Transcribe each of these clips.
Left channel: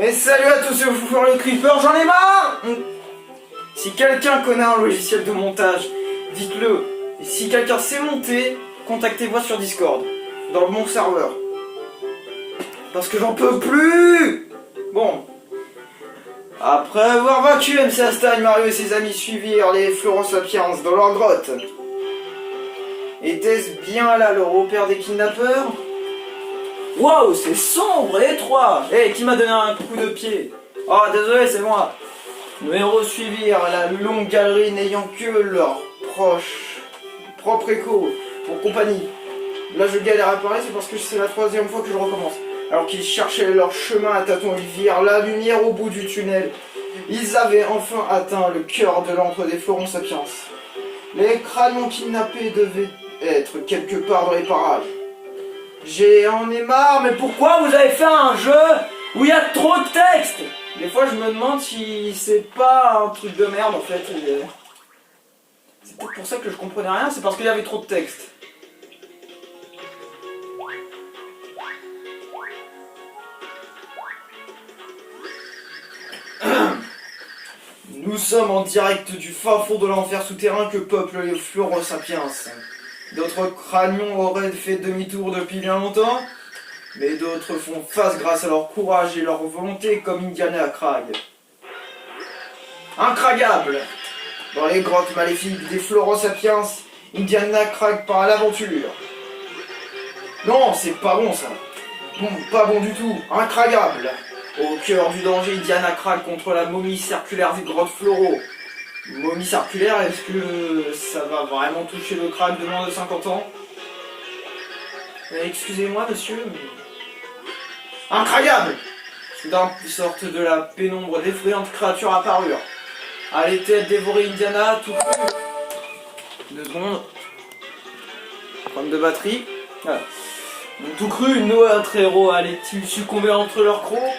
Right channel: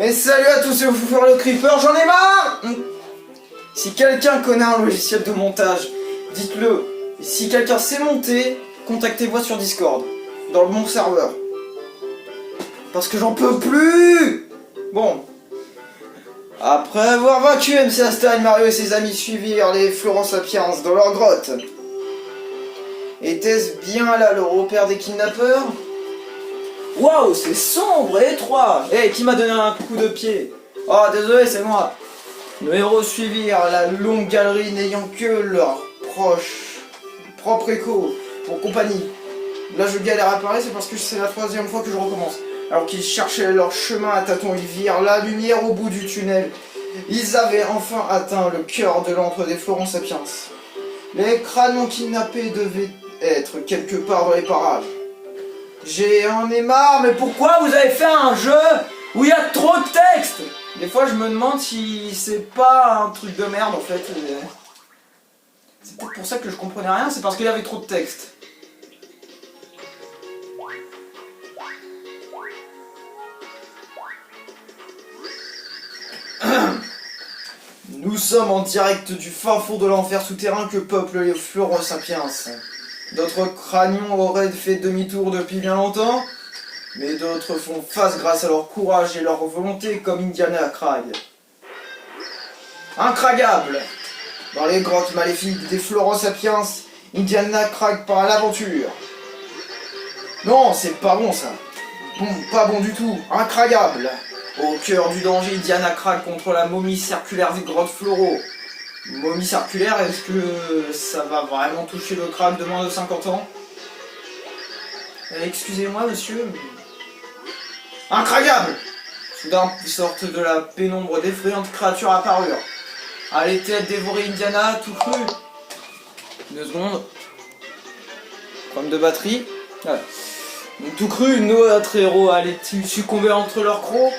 Et salut à tous, c'est Foufou le Creeper, j'en ai marre. Si quelqu'un connaît un logiciel de montage, dites-le. Et si quelqu'un sait monter, contactez-moi sur Discord, dans le bon serveur. Parce que j'en peux plus. Bon. Après avoir vaincu MC Astar, Mario et ses amis suivirent les Florent Sapiens dans leur grotte. Était-ce bien là le repère des kidnappeurs? Waouh, c'est sombre et étroit. Eh, qui m'a donné un coup de pied? Oh, désolé, c'est moi. Nos héros suivirent la longue galerie n'ayant que leur propre écho pour compagnie. Là, je galère à parler, c'est parce que c'est la troisième fois que je recommence. Alors qu'ils cherchaient leur chemin à tâtons, ils virent la lumière au bout du tunnel. Ils avaient enfin atteint le cœur de l'antre des Florent Sapiens. Les crânes kidnappés devaient être quelque part dans les parages. J'en ai marre, mais pourquoi vous avez fait un jeu où il y a trop de texte? Des fois je me demande si c'est pas un truc de merde en fait. C'est peut-être pour ça que je comprenais rien, c'est parce qu'il y avait trop de texte. Nous sommes en direct du fin fond de l'enfer souterrain que peuplent les Florent Sapiens. D'autres crânions auraient fait demi-tour depuis bien longtemps, mais d'autres font face grâce à leur courage et leur volonté comme Indiana Crag. Incragable! Dans les grottes maléfiques des Florent Sapiens, Indiana Crag part à l'aventure. Non, c'est pas bon ça. Bon, pas bon du tout. Incragable! Au cœur du danger, Indiana Crag contre la momie circulaire des grottes Floro. Momie circulaire, est-ce que ça va vraiment toucher le crâne de moins de 50 ans? Excusez-moi monsieur, mais... Incroyable! Soudain sortent de la pénombre d'effrayantes créatures apparurent. Allait-elle dévorer Indiana tout cru? 2 secondes. Problème de batterie. Voilà. Donc tout cru, notre héros allait-il succomber entre leurs crocs?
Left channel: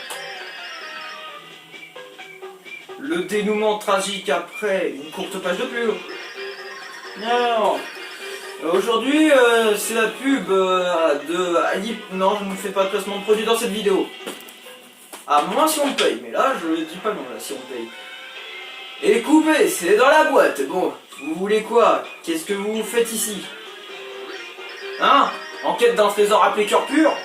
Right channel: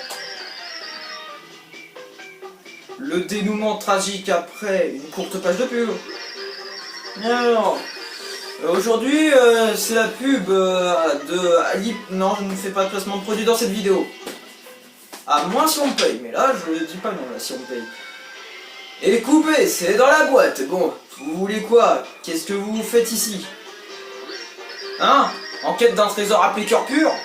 Le dénouement tragique après une courte page de pub. Alors, aujourd'hui, c'est la pub de Ali. Non, je ne fais pas de placement de produit dans cette vidéo. À moins si on me paye, mais là, je dis pas non, là, si on me paye. Et coupé, c'est dans la boîte. Bon, vous voulez quoi? Qu'est-ce que vous faites ici? Hein? En quête d'un trésor appelé cœur pur?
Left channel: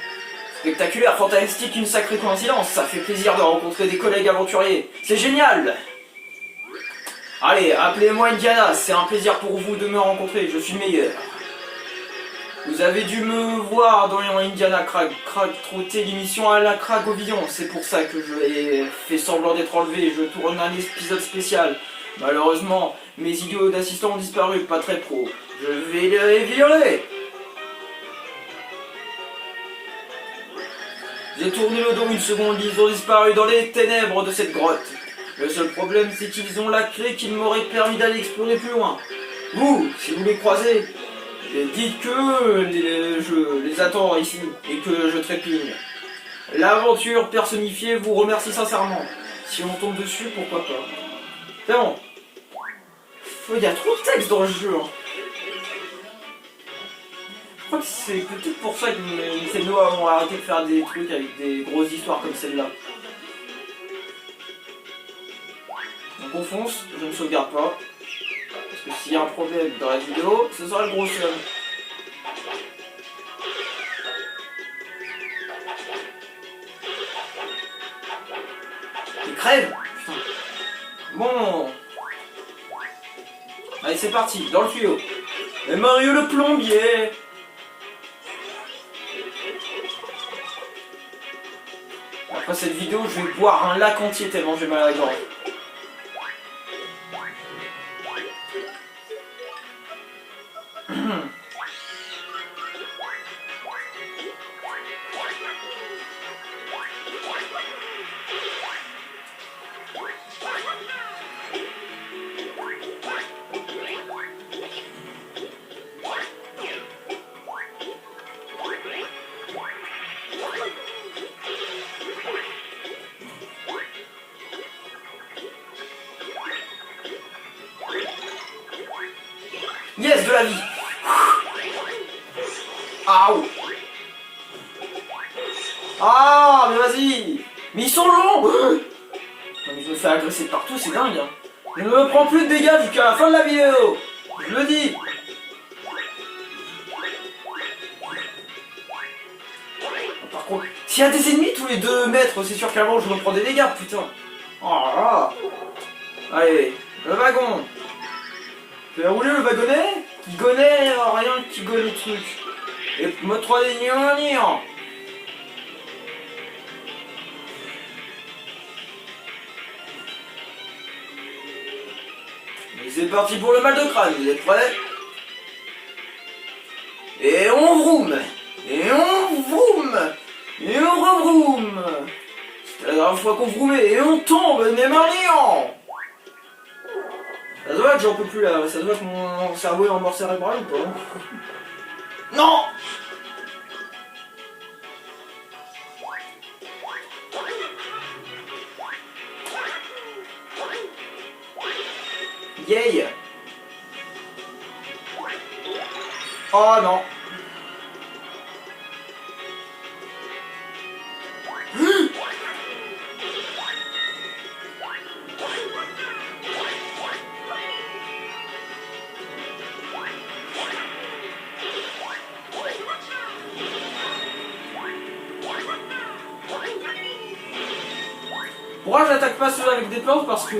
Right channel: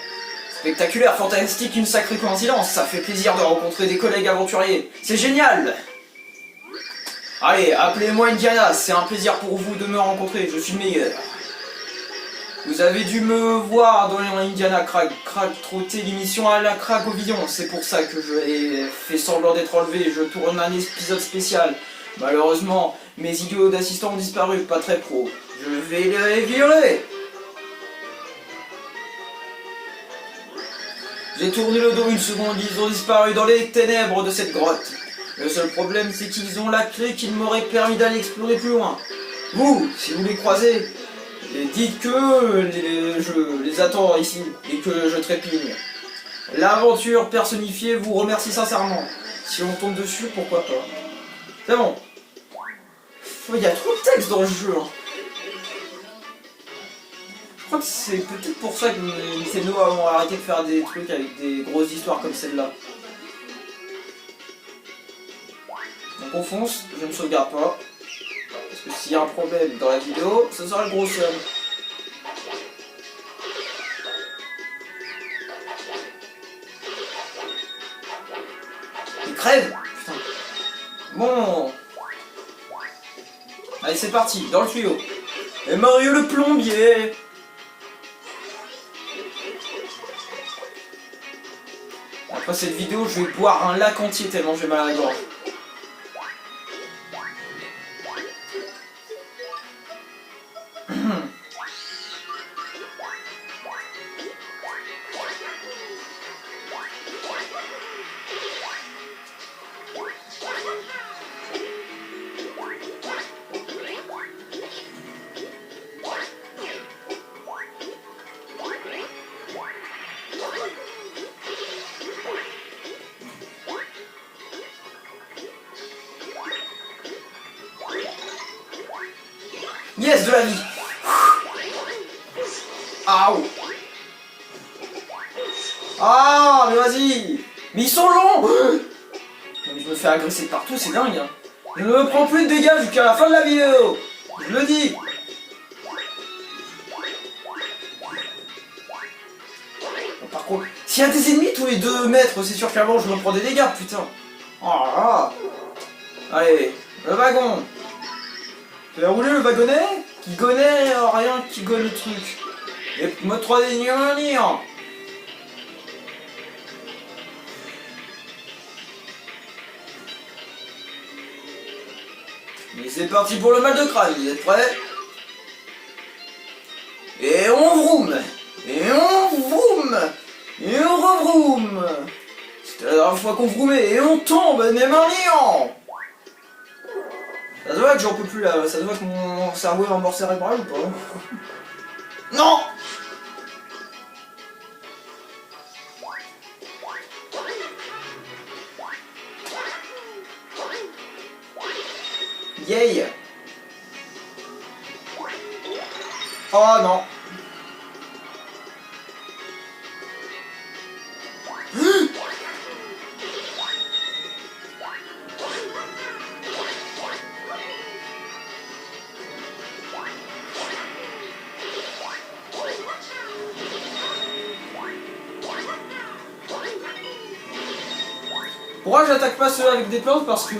Spectaculaire, fantastique, une sacrée coïncidence, ça fait plaisir de rencontrer des collègues aventuriers, c'est génial! Allez, appelez-moi Indiana, c'est un plaisir pour vous de me rencontrer, je suis le meilleur. Vous avez dû me voir dans Indiana Crag trotter l'émission à la Crag au Villon, c'est pour ça que je ai fait semblant d'être enlevé, je tourne un épisode spécial. Malheureusement, mes idiots d'assistants ont disparu, pas très pro, je vais les violer! J'ai tourné le dos une seconde, ils ont disparu dans les ténèbres de cette grotte. Le seul problème, c'est qu'ils ont la clé qui m'aurait permis d'aller explorer plus loin. Vous, si vous les croisez, dites que je les attends ici et que je trépigne. L'aventure personnifiée vous remercie sincèrement. Si on tombe dessus, pourquoi pas. C'est bon. Il y a trop de texte dans le jeu. Je crois que c'est peut-être pour ça que ces Noah ont arrêté de faire des trucs avec des grosses histoires comme celle-là. Donc on fonce, je ne sauvegarde pas. Parce que s'il y a un problème dans la vidéo, ce sera le gros seum. Il crève! Putain. Bon. Allez, c'est parti, dans le tuyau. Et Mario le plombier! Après cette vidéo, je vais boire un lac entier tellement j'ai mal à la gorge. Yes, de la vie. Aouh. Ah, mais vas-y. Mais ils sont longs. Non, mais je me fais agresser de partout, c'est dingue. Hein. Je ne me prends plus de dégâts jusqu'à la fin de la vidéo. Je le dis. Par contre, s'il y a des ennemis tous les 2 mètres, c'est sûr qu'avant je me prends des dégâts, putain. Oh là là. Allez, le wagon. Fais rouler le wagonnet qui connaît rien, qui connaît le truc. Et mode 3D niant. Et c'est parti pour le mal de crâne, vous êtes prêts? Et on vroom. Et on vroom. Et on revroom. C'était la dernière fois qu'on vroomait et on tombe, mais maniant. Ça se voit que j'en peux plus là, ça se voit que mon cerveau est en mort cérébrale ou pas? Non. Yay. Oh non. Pourquoi j'attaque pas ceux avec des plantes? Parce que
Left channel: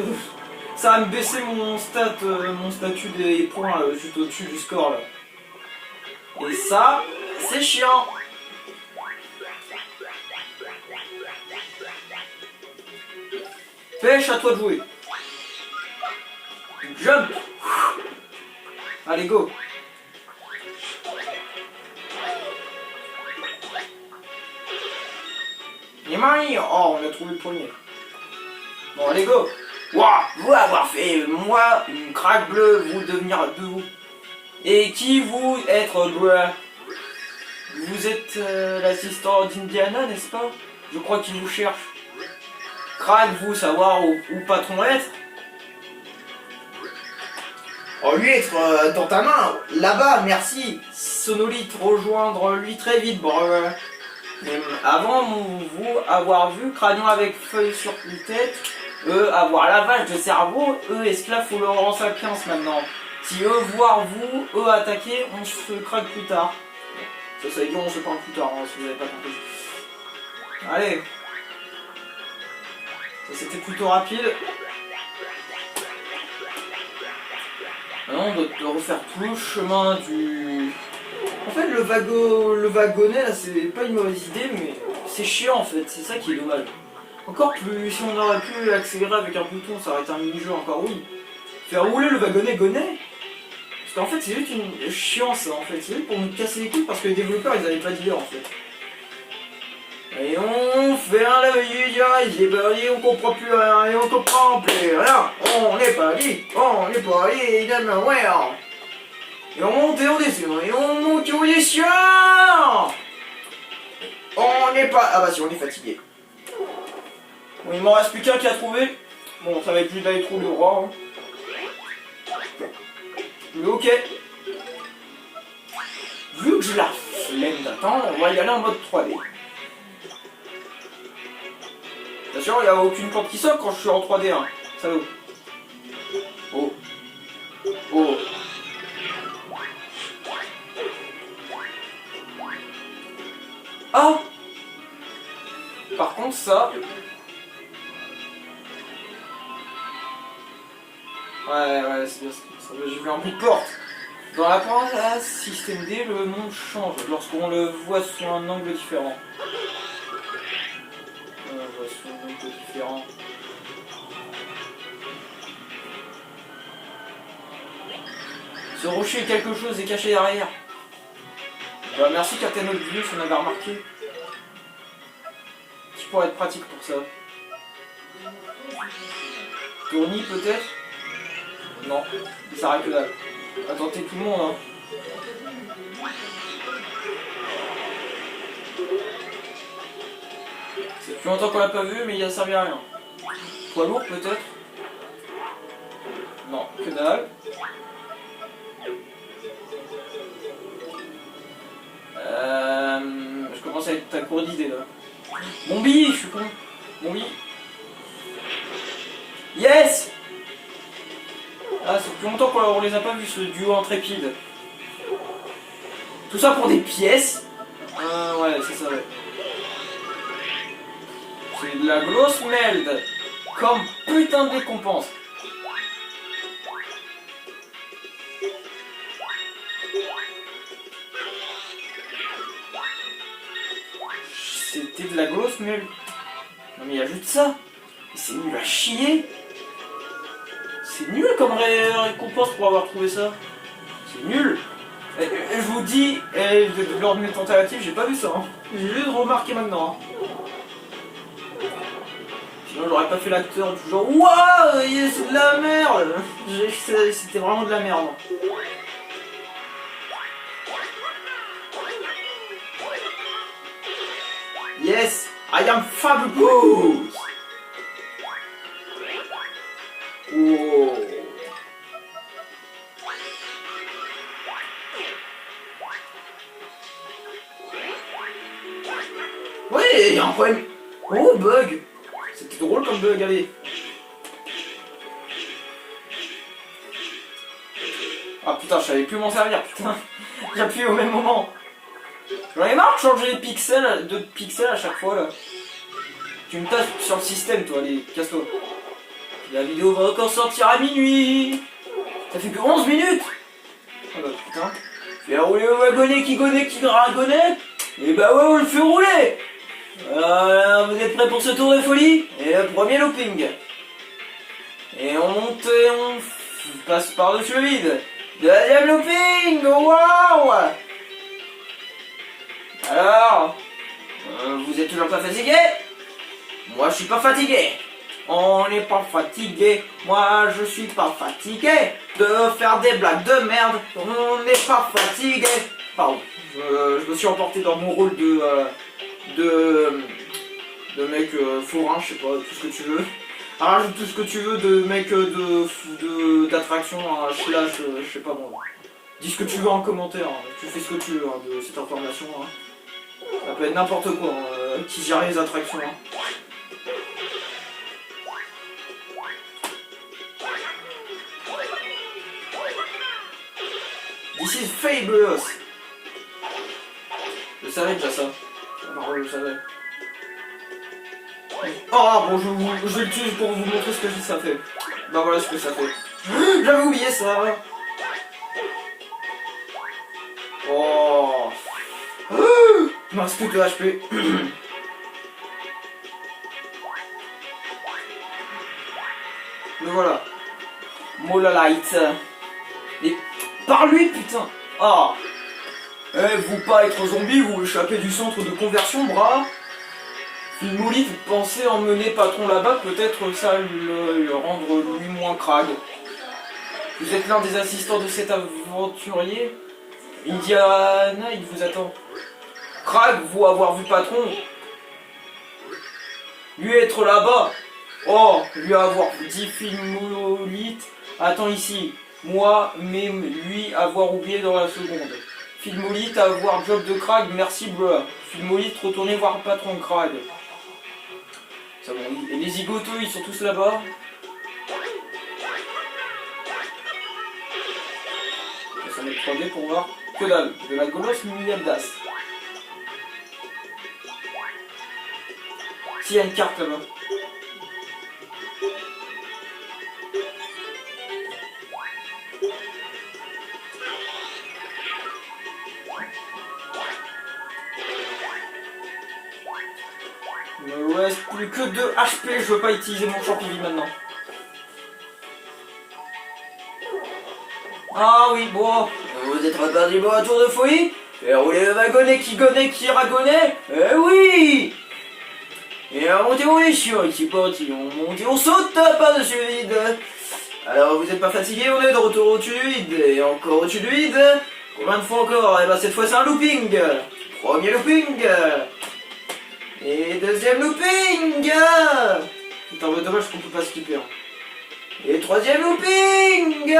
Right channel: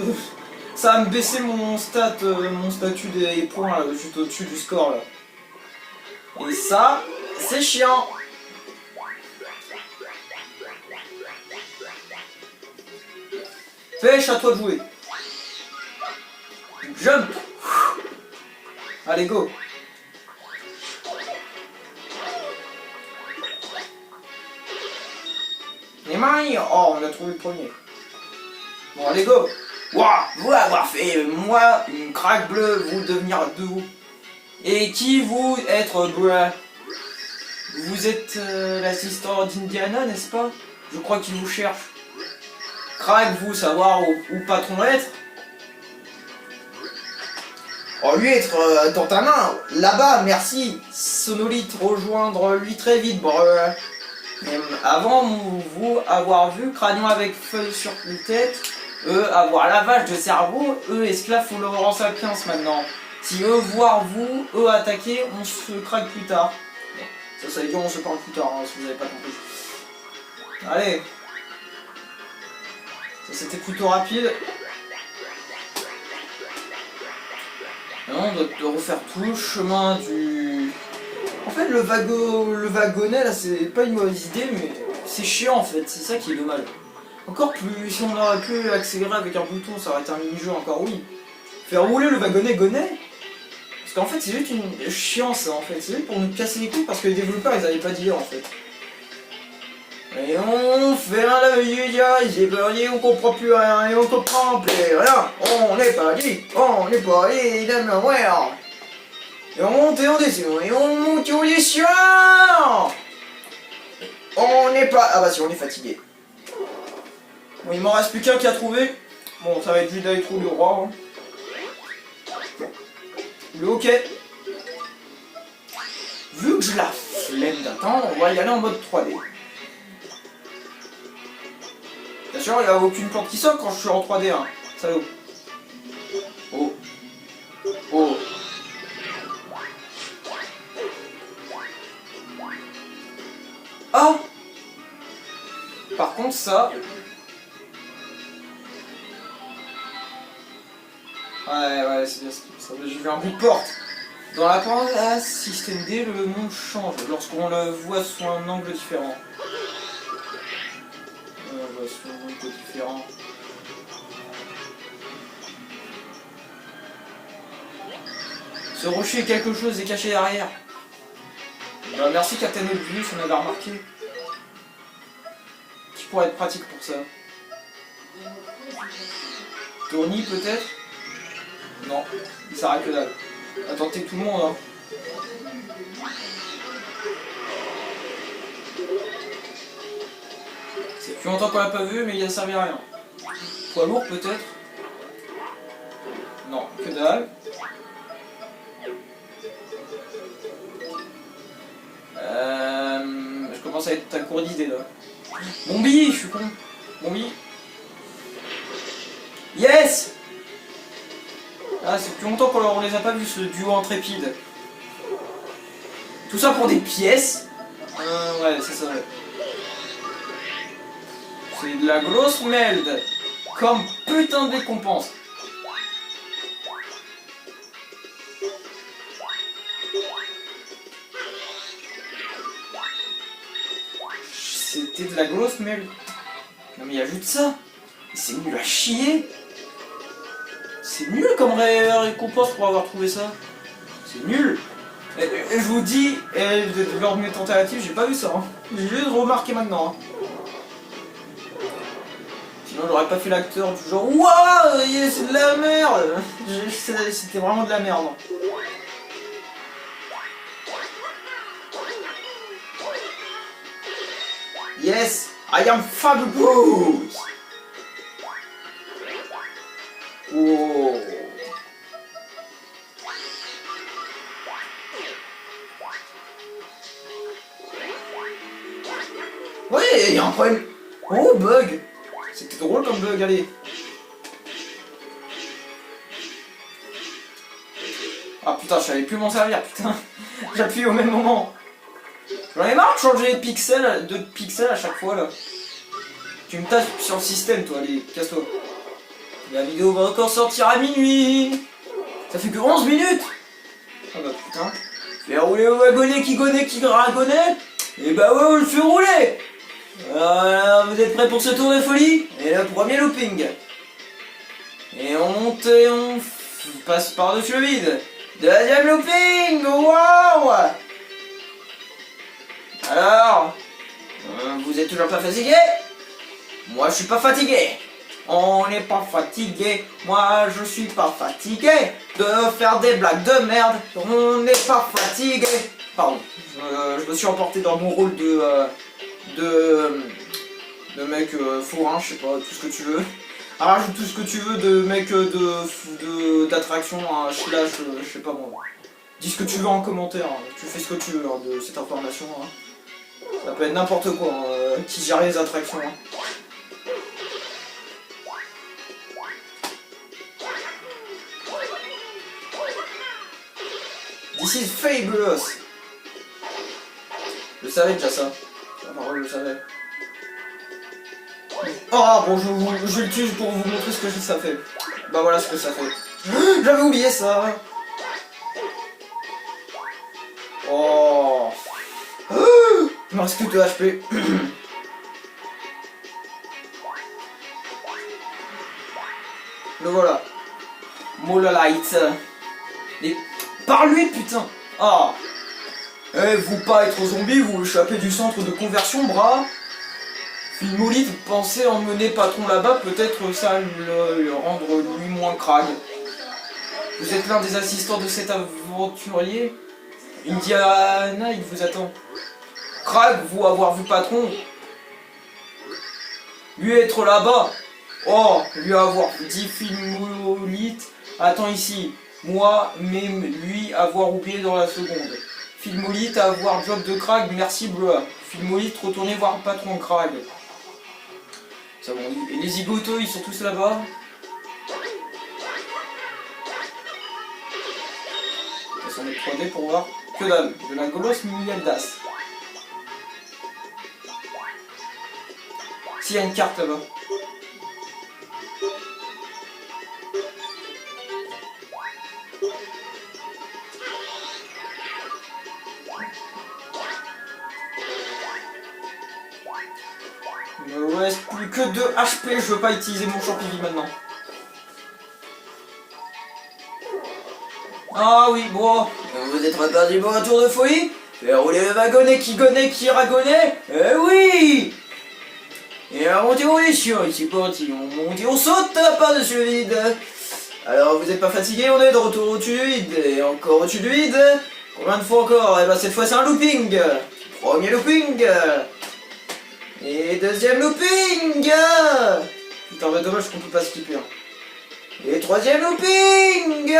ça va me baisser mon statut des points là, juste au-dessus du score là. Et ça, c'est chiant. Pêche, à toi de jouer. Jump. Allez, go. Les mains, oh, on a trouvé le premier. Bon, allez, go. Waouh, vous avoir fait, moi, une craque bleue, vous devenir de vous. Et qui vous être bleu? Vous êtes l'assistant d'Indiana, n'est-ce pas? Je crois qu'il vous cherche. Craque, vous savoir où patron être? Oh, lui être dans ta main, là-bas, merci. Sonolite, rejoindre lui très vite, breu. Avant vous avoir vu, crânion avec feuille sur la tête, avoir lavage de cerveau, esclave faut leur rendre sapiens maintenant. Si voir vous, attaquer, on se craque plus tard. Ça veut dire on se parle plus tard, hein, si vous n'avez pas compris. Allez. Ça c'était plutôt rapide. Maintenant on doit refaire tout le chemin du... En fait le wagonnet là c'est pas une mauvaise idée mais c'est chiant en fait, c'est ça qui est dommage. Encore plus, si on aurait pu accélérer avec un bouton ça aurait été un mini-jeu encore oui. Faire rouler le wagonnet gonnet. Parce qu'en fait c'est juste une chiance en fait, c'est juste pour nous casser les couilles parce que les développeurs ils avaient pas d'idée en fait. Et on fait un j'ai pas dit, on comprend plus rien et on comprend plus rien. On n'est pas dit, évidemment, ouais. Et on monte et on descend, et on monte et on descend. On n'est pas... Ah bah si, on est fatigué. Bon, il m'en reste plus qu'un qui a trouvé. Bon, ça va être juste d'aller trouver le roi. Hein. Le hockey. Vu que je la flemme d'attendre, on va y aller en mode 3D. Bien sûr, il n'y a aucune porte qui sort quand je suis en 3D. Hein. Salut. Oh. Oh. Ah. Par contre, ça... Ouais, c'est bien ça. J'ai vu un bout de porte. Dans la porte à système D, le monde change lorsqu'on le voit sous un angle différent. Sous un angle différent. Ce rocher, quelque chose est caché derrière. Bah, merci Captain Obvious, on avait remarqué. Qui pourrait être pratique pour ça? Tourny peut-être? Non, il sert à que dalle. À tenter tout le monde hein. C'est depuis longtemps qu'on l'a pas vu mais il a servi à rien. Poids lourd peut-être? Non, que dalle. Je commence à être à court d'idées là. Mon billet, je suis con. Oui. Yes. Ah, c'est plus longtemps qu'on les a pas vus, ce duo intrépide. Tout ça pour des pièces. Ouais, c'est ça, ouais. C'est de la grosse merde. Comme putain de récompense. C'était de la grosse merde. Non mais ajoute ça. C'est nul à chier. C'est nul comme récompense pour avoir trouvé ça. C'est nul. Et je vous dis, lors de mes tentatives, j'ai pas vu ça. Hein. J'ai juste remarqué maintenant. Hein. Sinon j'aurais pas fait l'acteur du genre waouh, c'est de la merde. C'était vraiment de la merde. Yes, I am fabulous. Oh. Ouais, il y a un problème. Oh, bug. C'était drôle comme bug, allez. Ah putain, je savais plus m'en servir, putain. J'appuie au même moment. J'en ai marre de changer de pixels à chaque fois, là. Tu me tasses sur le système, toi, allez, casse-toi. La vidéo va encore sortir à minuit. Ça fait que 11 minutes. Oh bah putain. Fais rouler au wagonnet qui dragonnet. Et bah ouais, on le fait rouler. Vous êtes prêts pour ce tour de folie? Et le premier looping. Et on monte et on passe par-dessus le vide. Deuxième looping. Waouh. Alors, vous êtes toujours pas fatigué? Moi je suis pas fatigué. On n'est pas fatigué. Moi je suis pas fatigué de faire des blagues de merde. On n'est pas fatigué. Pardon, je me suis emporté dans mon rôle de mec fourrin, je sais pas, tout ce que tu veux. Rajoute tout ce que tu veux de mec d'attraction, slash, je sais pas moi. Dis ce que tu veux en commentaire, hein. Tu fais ce que tu veux hein, de cette information. Hein. Ça peut être n'importe quoi, hein, qui gère les attractions. Hein. This is fabulous. Je savais déjà ça. Non, je le savais. Oh bon, je vais le tuer pour vous montrer ce que ça fait. Bah voilà ce que ça fait. J'avais oublié ça. Oh. Il me reste plus de HP. Le voilà. Mola Light. Et par lui, putain. Ah. Vous pas être zombie, vous échappez du centre de conversion, bras. Filmolith pensait emmener patron là-bas, peut-être ça le rendre lui moins crade. Vous êtes l'un des assistants de cet aventurier. Indiana, il vous attend. Crag, vous avoir vu patron. Lui être là-bas. Oh, lui avoir dit Filmolith. Attends ici. Moi, même lui avoir oublié dans la seconde. Filmolith avoir job de Crag, merci Bleu. Filmolith retourner voir patron Crag. Ça bon, et les zigotos, ils sont tous là-bas. Ça va être 3D pour voir. Que dalle, de la Golos Milialdas. S'il y a une carte là-bas. Il me reste plus que 2 HP, je veux pas utiliser mon champignon maintenant. Ah oui, bon, vous êtes reparti pour un tour de folie? Faire rouler le wagonnet qui ragonnet? Eh oui! Et on monte au sur ici parti, on monte, on saute par-dessus le vide. Alors vous êtes pas fatigué, on est de retour au-dessus du vide, et encore au-dessus du vide. Combien de fois encore? Et ben cette fois c'est un looping. Premier looping. Et deuxième looping. Putain, bah dommage qu'on peut pas skipper. Et troisième looping.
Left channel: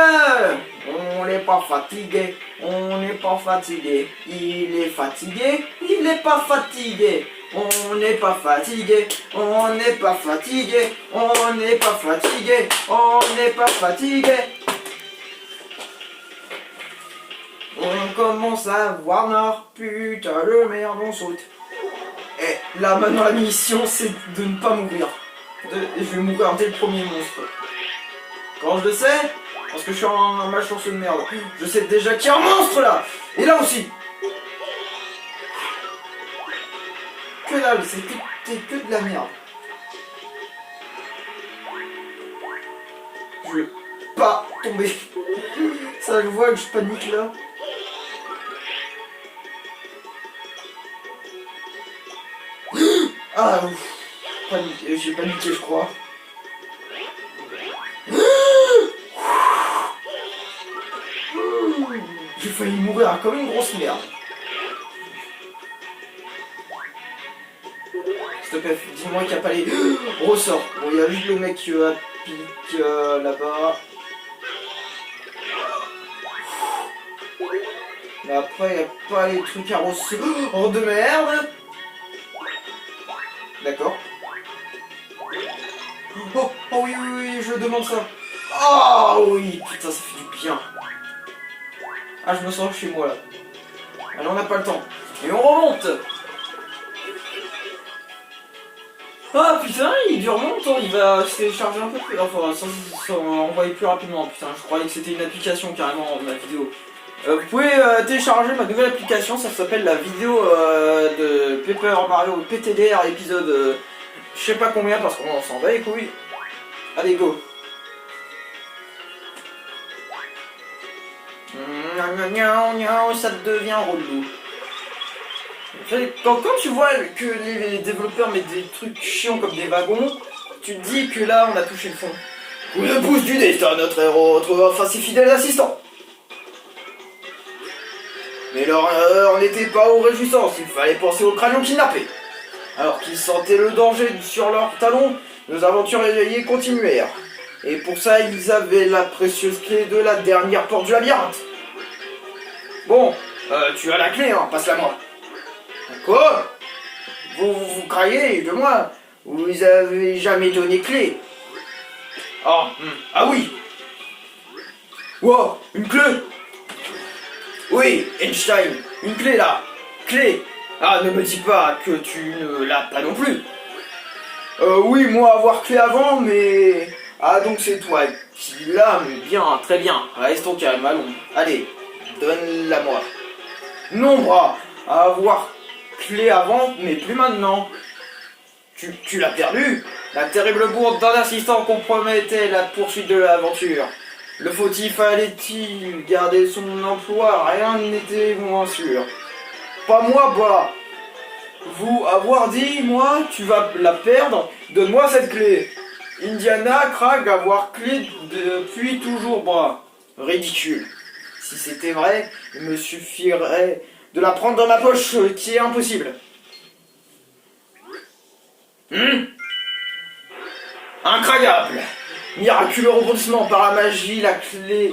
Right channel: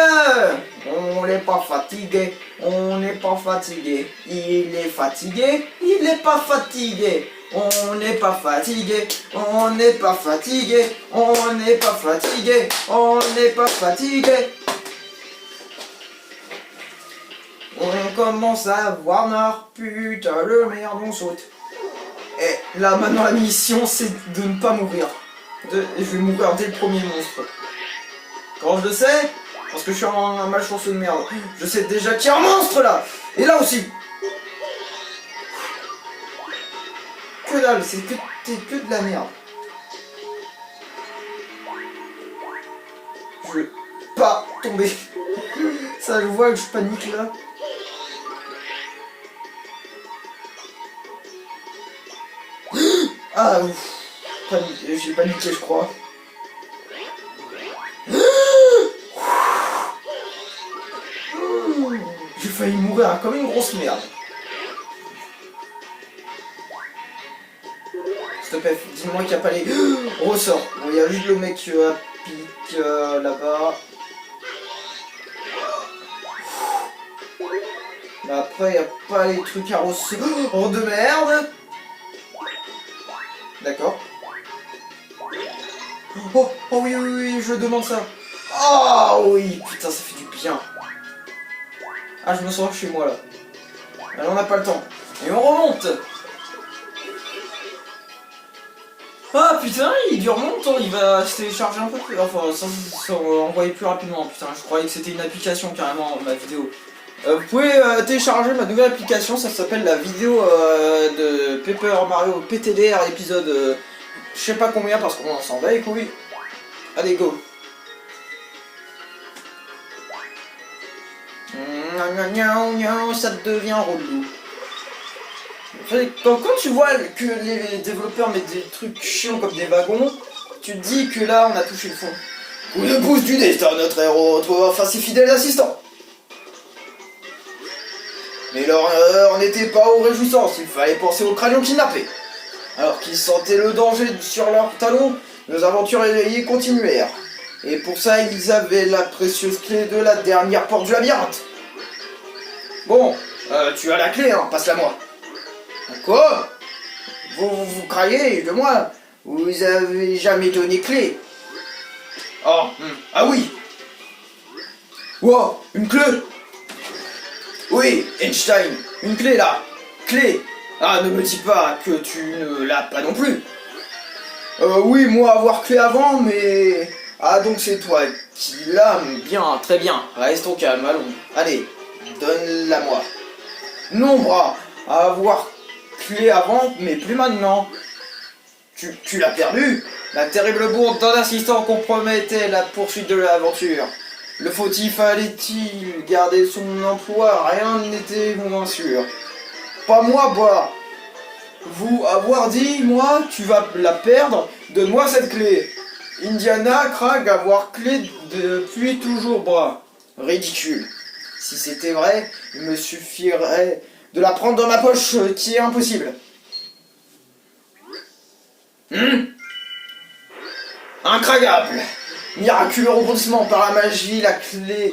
On n'est pas fatigué, on n'est pas fatigué. Il est fatigué, il n'est pas fatigué. on n'est pas fatigué, on n'est pas fatigué, on n'est pas fatigué, on n'est pas fatigué. On commence à voir noir, putain le merde, on saute. Et là maintenant la mission c'est de ne pas mourir. Je vais mourir dès le premier monstre. Comment je le sais? Parce que je suis un malchanceux de merde. Je sais déjà qu'il y a un monstre là. Et là aussi. Que dalle, c'est que de la merde. Je veux pas tomber. Ça je vois que je panique là. Ah ouf. J'ai paniqué je crois. J'ai failli mourir comme une grosse merde. S'il te plaît, dis-moi qu'il n'y a pas les ressorts. Bon, il y a juste le mec qui pique là-bas. Mais après, il n'y a pas les trucs à ressorts. Oh de merde. D'accord. Oh oui, oui, oui, je demande ça. Oh oui, putain, ça fait du bien. Ah, je me sens chez moi là. Alors on n'a pas le temps. Et on remonte. Ah putain, il dure longtemps, il va se télécharger un peu plus. Enfin, ça envoyer plus rapidement. Putain, je croyais que c'était une application carrément, ma vidéo. Vous pouvez télécharger ma nouvelle application, ça s'appelle la vidéo de Paper Mario PTDR épisode je sais pas combien parce qu'on s'en va les couilles. Allez go. Ça devient relou. Quand tu vois que les développeurs mettent des trucs chiants comme des wagons, tu te dis que là on a touché le fond. Ou le pouce du destin, notre héros, enfin ses fidèles assistants. Mais leur heure n'était pas aux réjouissances, il fallait penser aux crânions kidnappés. Alors qu'ils sentaient le danger sur leurs talons, nos aventuriers continuèrent. Et pour ça, ils avaient la précieuse clé de la dernière porte du labyrinthe. Bon, tu as la clé, hein, passe-la moi. Quoi? Vous craillez de moi? Vous avez jamais donné clé. Oh, ah oui. Wow, une clé. Oui, Einstein, une clé là. Clé. Ah, ne me dis pas que tu ne l'as pas non plus. Oui, moi avoir clé avant, mais... Ah, donc c'est toi qui l'as, mais bien, très bien. Reste au calme, allons. Allez, donne-la moi. Non, bras, avoir clé avant, mais plus maintenant. Tu l'as perdu? La terrible bourde d'un assistant compromettait la poursuite de l'aventure. Le fautif allait-il garder son emploi? Rien n'était moins sûr. Pas moi, bah. Vous avoir dit, moi, tu vas la perdre, donne-moi cette clé. Indiana craque avoir clé depuis toujours, bras. Ridicule. Si c'était vrai, il me suffirait de la prendre dans ma poche, qui est impossible. Incroyable. Miraculeux rebondissement par la magie, la clé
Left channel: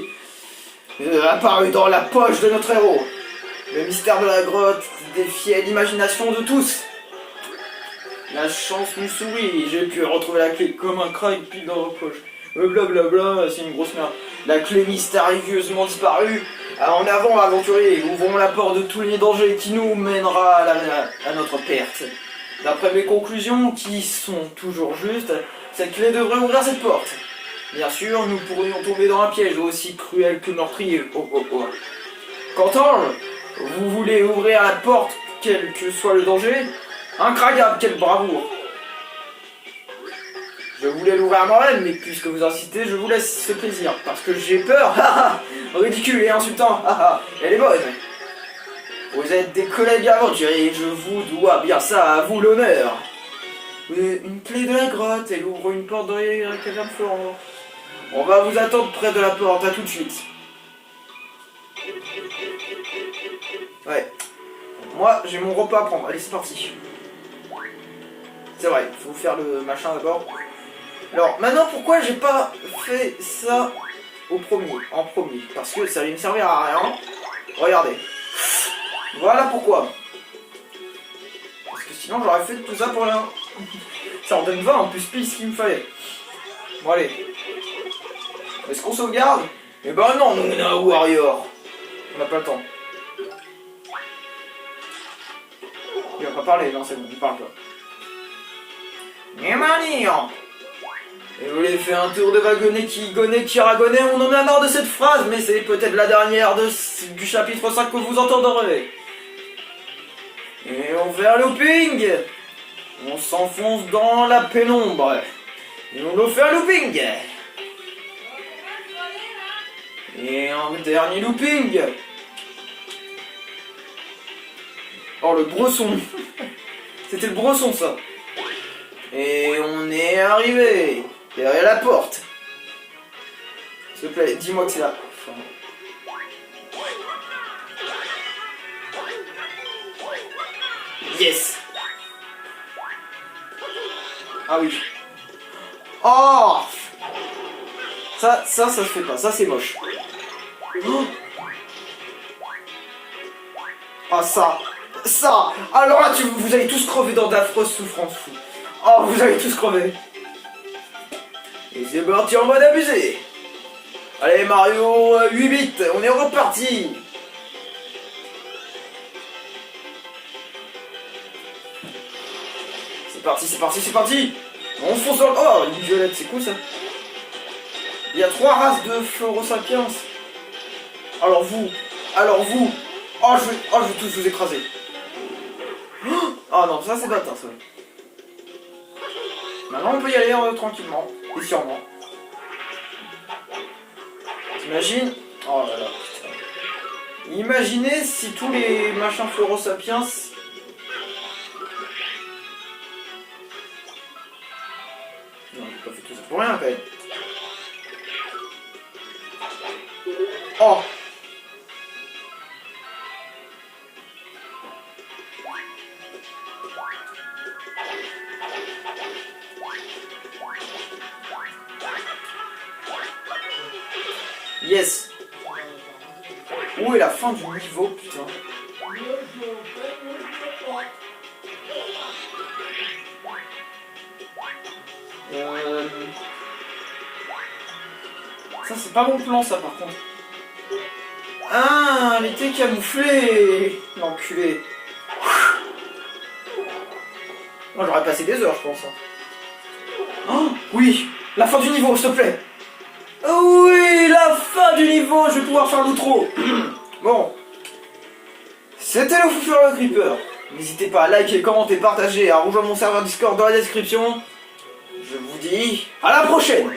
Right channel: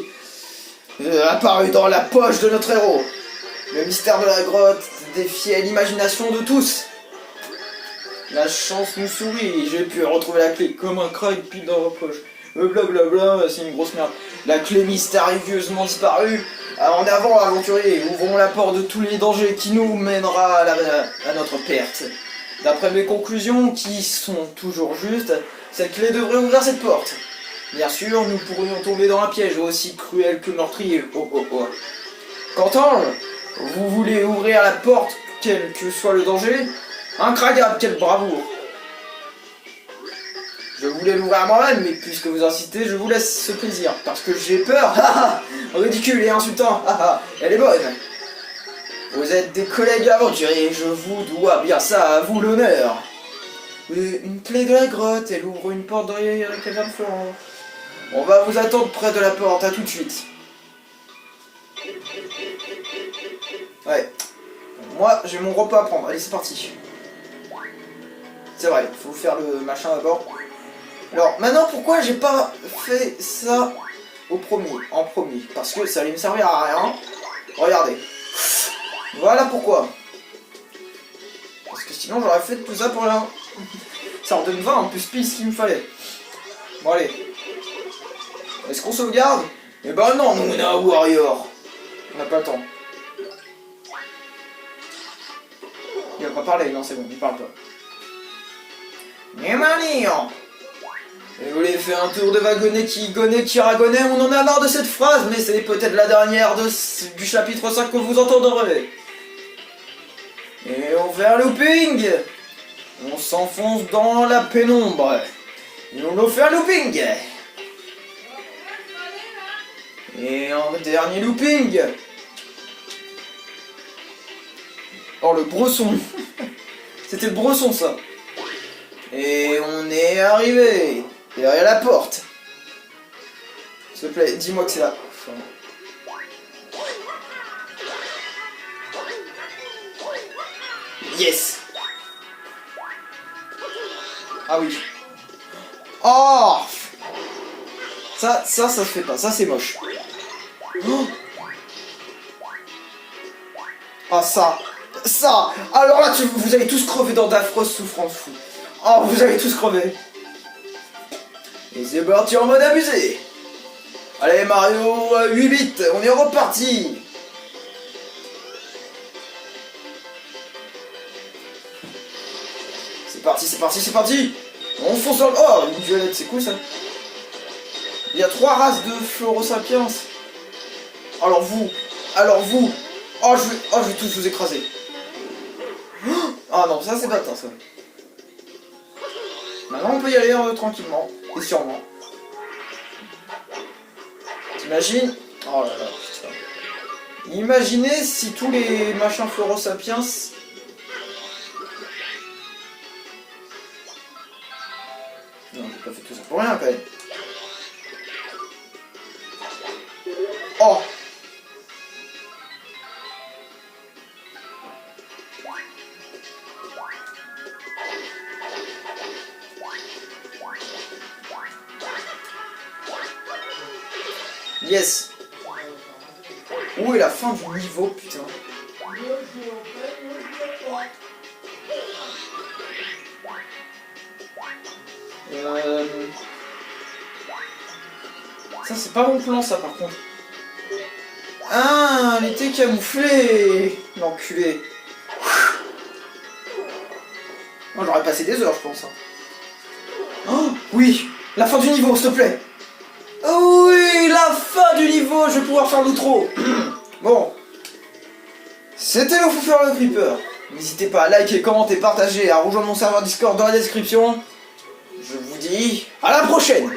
apparut dans la poche de notre héros. Le mystère de la grotte défiait l'imagination de tous. La chance nous sourit, j'ai pu retrouver la clé comme un crack puis dans la poche. Blablabla, c'est une grosse merde. La clé mystérieusement disparue. En avant, aventurier, ouvrons la porte de tous les dangers qui nous mènera à notre perte. D'après mes conclusions, qui sont toujours justes, cette clé devrait ouvrir cette porte. Bien sûr, nous pourrions tomber dans un piège aussi cruel que meurtrier. Qu'entends-je? Vous voulez ouvrir la porte, quel que soit le danger? Incroyable, quelle bravoure! Je voulais l'ouvrir moi-même, mais puisque vous insistez, je vous laisse ce plaisir. Parce que j'ai peur, ridicule et insultant, elle est bonne. Vous êtes des collègues aventuriers, je vous dois bien ça, à vous l'honneur. Une clé de la grotte, elle ouvre une porte dans les cavernes fleurantes. On va vous attendre près de la porte, à tout de suite. Ouais. Moi, j'ai mon repas à prendre, allez c'est parti. C'est vrai, il faut faire le machin d'abord. Alors, maintenant, pourquoi j'ai pas fait ça en premier? Parce que ça allait me servir à rien. Regardez. Voilà pourquoi. Parce que sinon j'aurais fait tout ça pour rien. Ça redonne 20 en plus pile ce qu'il me fallait. Bon allez. Est-ce qu'on sauvegarde? Eh ben non, nous on est un warrior. On n'a pas le temps. Il va pas parler, non c'est bon, il parle pas. Mais maniant. Et vous voulez faire un tour de wagonnet qui ragonnet, on en a marre de cette phrase, mais c'est peut-être la dernière du chapitre 5 que vous entendrez. Et on fait un looping. On s'enfonce dans la pénombre. Et on refait un looping. Et un dernier looping. Oh le bresson. C'était le bresson ça. Et on est arrivé. Derrière la porte. S'il te plaît, dis-moi que c'est là. Yes. Ah oui. Oh. Ça se fait pas. Ça c'est moche. Oh. Ah ça. Alors là, vous allez tous crever dans d'affreuses souffrances fou. Oh, vous allez tous crever. Et c'est parti en mode abusé. Allez Mario, 8 bits, on est reparti. C'est parti. On fonce dans le... Oh, une violette, c'est cool ça. Il y a 3 races de Florosapiens. Alors vous. Oh, je vais tous vous écraser. Oh non, ça c'est bâtard ça. Maintenant on peut y aller tranquillement et sûrement. T'imagines? Oh là là, putain. Imaginez si tous les machins Florosapiens... Non, j'ai pas fait tout ça pour rien quand même. Oh! Yes. Où est la fin du niveau, putain? Ça c'est pas mon plan ça par contre. Ah, elle était camouflée. L'enculé. Moi j'aurais passé des heures je pense. Oh oui, la fin du niveau s'il te plaît. Oh oui, la fin du niveau, je vais pouvoir faire l'outro. Bon. C'était le Fou Furieux Creeper. N'hésitez pas à liker, commenter, partager, à rejoindre mon serveur Discord dans la description. Je vous dis à la prochaine.